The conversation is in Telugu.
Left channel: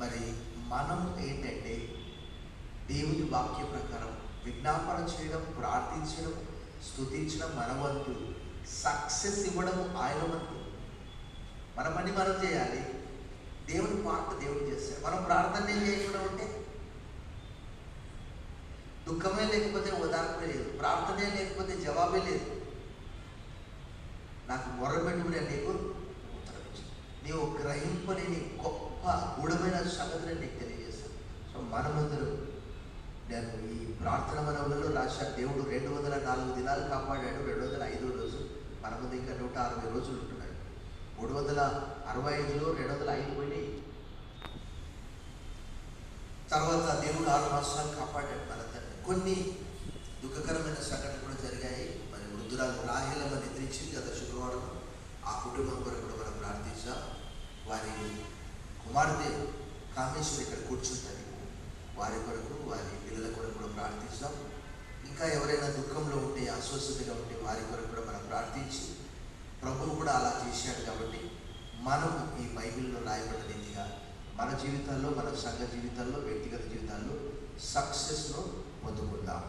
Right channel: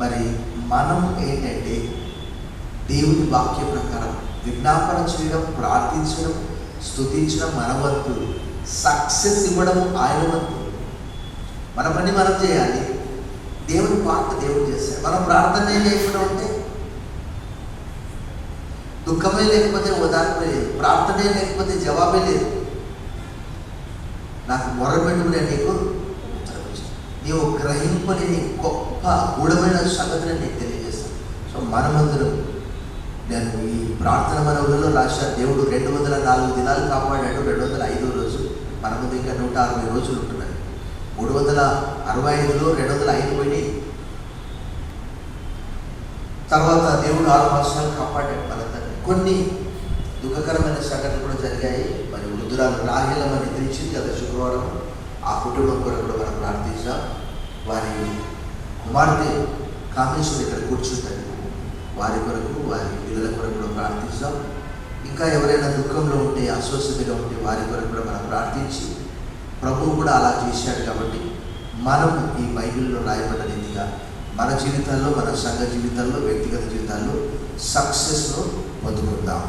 మరి మనం ఏంటంటే దేవుని వాక్య ప్రకారం విజ్ఞాపన చేయడం, ప్రార్థించడం, స్తుతించడం మన వంతు, సక్సెస్ ఇవ్వడం ఆయన వంతు. మన పని మనం చేయాలి, దేవుని పాట దేవుడు చేస్తాడు. మనం ప్రార్థనే లేకుండా ఉంటే, దుఃఖమే లేకపోతే ఓదార్పే లేదు, ప్రార్థనే లేకపోతే జవాబే లేదు. నాకు మొరపెట్టుకునే నీకు నీవు గ్రహింపని నీ గొప్ప గూఢమైన సంగతిని నీకు తెలియజేస్తాను. సో మనమందరం, నేను ఈ ప్రార్థన మనవులలో రాశాను, దేవుడు 204 దినాలు కాపాడాడు. 205 రోజు, మన ముందు ఇంకా 160 రోజులు ఉంటున్నాయి. 365లో 205 పోయి తర్వాత దేవుడు 6 మాసాలు కాపాడాడు మనందరినీ. కొన్ని దుఃఖకరమైన సంఘటనలు కూడా జరిగాయి. మరి వృద్ధురాలు రాహేలమ్మ నిద్రించింది గత శుక్రవారం. ఆ కుటుంబం కొరకు కూడా మనం ప్రార్థించాం. వారి కుమార్తె కామేశ్వరి ఇక్కడ కూర్చుంటుంది, వారి కొరకు, వారి పిల్లల కొరకు కూడా ప్రార్థించాం. ఇంకా ఎవరైనా దుఃఖంలో ఉంటే, అస్వస్థతగా ఉంటే వారి కొరకు కూడా మనం ప్రార్థించి, ప్రభువు కూడా అలా చేశాడు కాబట్టి మనం ఈ బైబిల్లో రాయబడ్డ రీతిగా మన జీవితాల్లో, మన సంఘ జీవితాల్లో, వ్యక్తిగత జీవితాల్లో సక్సెస్ను పొందుకుందాం.